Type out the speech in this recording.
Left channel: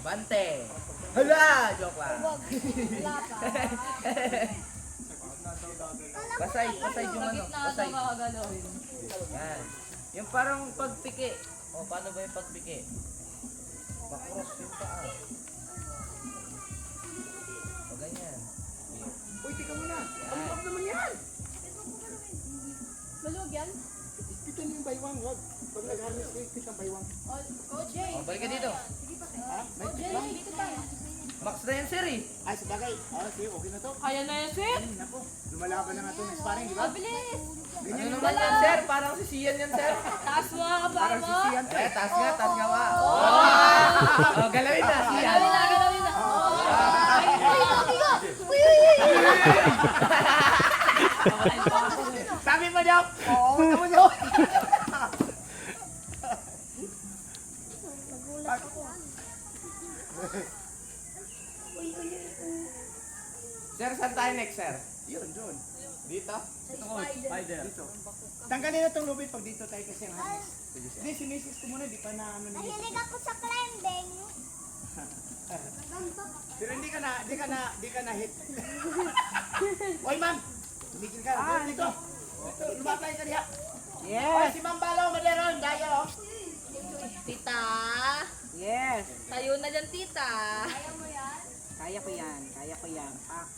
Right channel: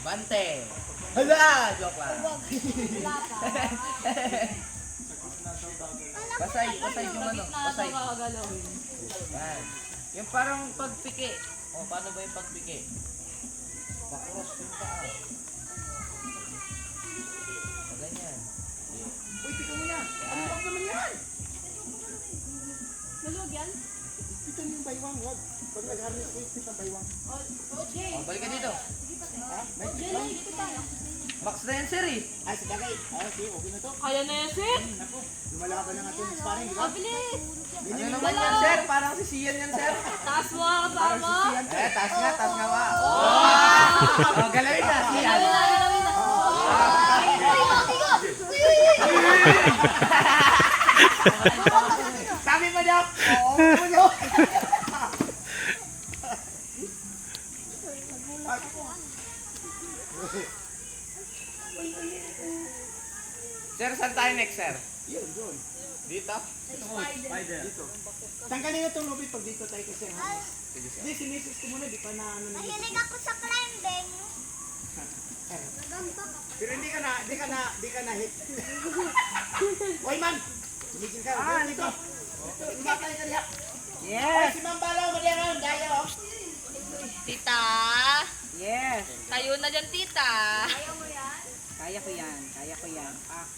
Abante! Hala! Joke lang. Wala pa. Pasay yung ano. Pasay. Makagalawin. Yan. Yung parang pagpiki. O, paano ba yung pagpiki? Pakros yung paa. O, ganyan. Uy, tika mo yan. Ano ba naman yan? Maluwag yan? Ito yung baywang, wag. Pag nag-harness ko, ito yung baywang. Oh, Jay. O, balik ka dito. Ha? May Oh, Jay, tiklang? dito pa. Max na yan, sir eh. Ay, sabagay. Sige, okay na to. Kaya na yan, sir. Naku, lumalaban na nga ito ng sparring, di ba? Bilis. Ano Ganyan yung naman yan, sir? Parang si Sian yan, sir. Taas mo nga ka parang mo. sisiyan to. Taas nga nga. O, galawin na, Sian. Galawin na, galawin na. Sabi mo daw? Oo, ulo. Sir, saan tayo next, sir? Yun, doon. Dito? Spider. Dito. Tanggalin na itong lubid pag dito tayo kasi ang harness. Hindi, sinisis ko muna, di pa na ano na yun. Mahilig ako sa climbing. Pero hindi ka na hit. Oy, ma'am! Tumigil ka. Dito. Dito, lumatay ka diha. Oy, si Ma'am Balaw, madiyaron. Daya, oh. Tita. Yes, Tayo na dyan, tita. kaya ko yan, kaya ko yan. Ah,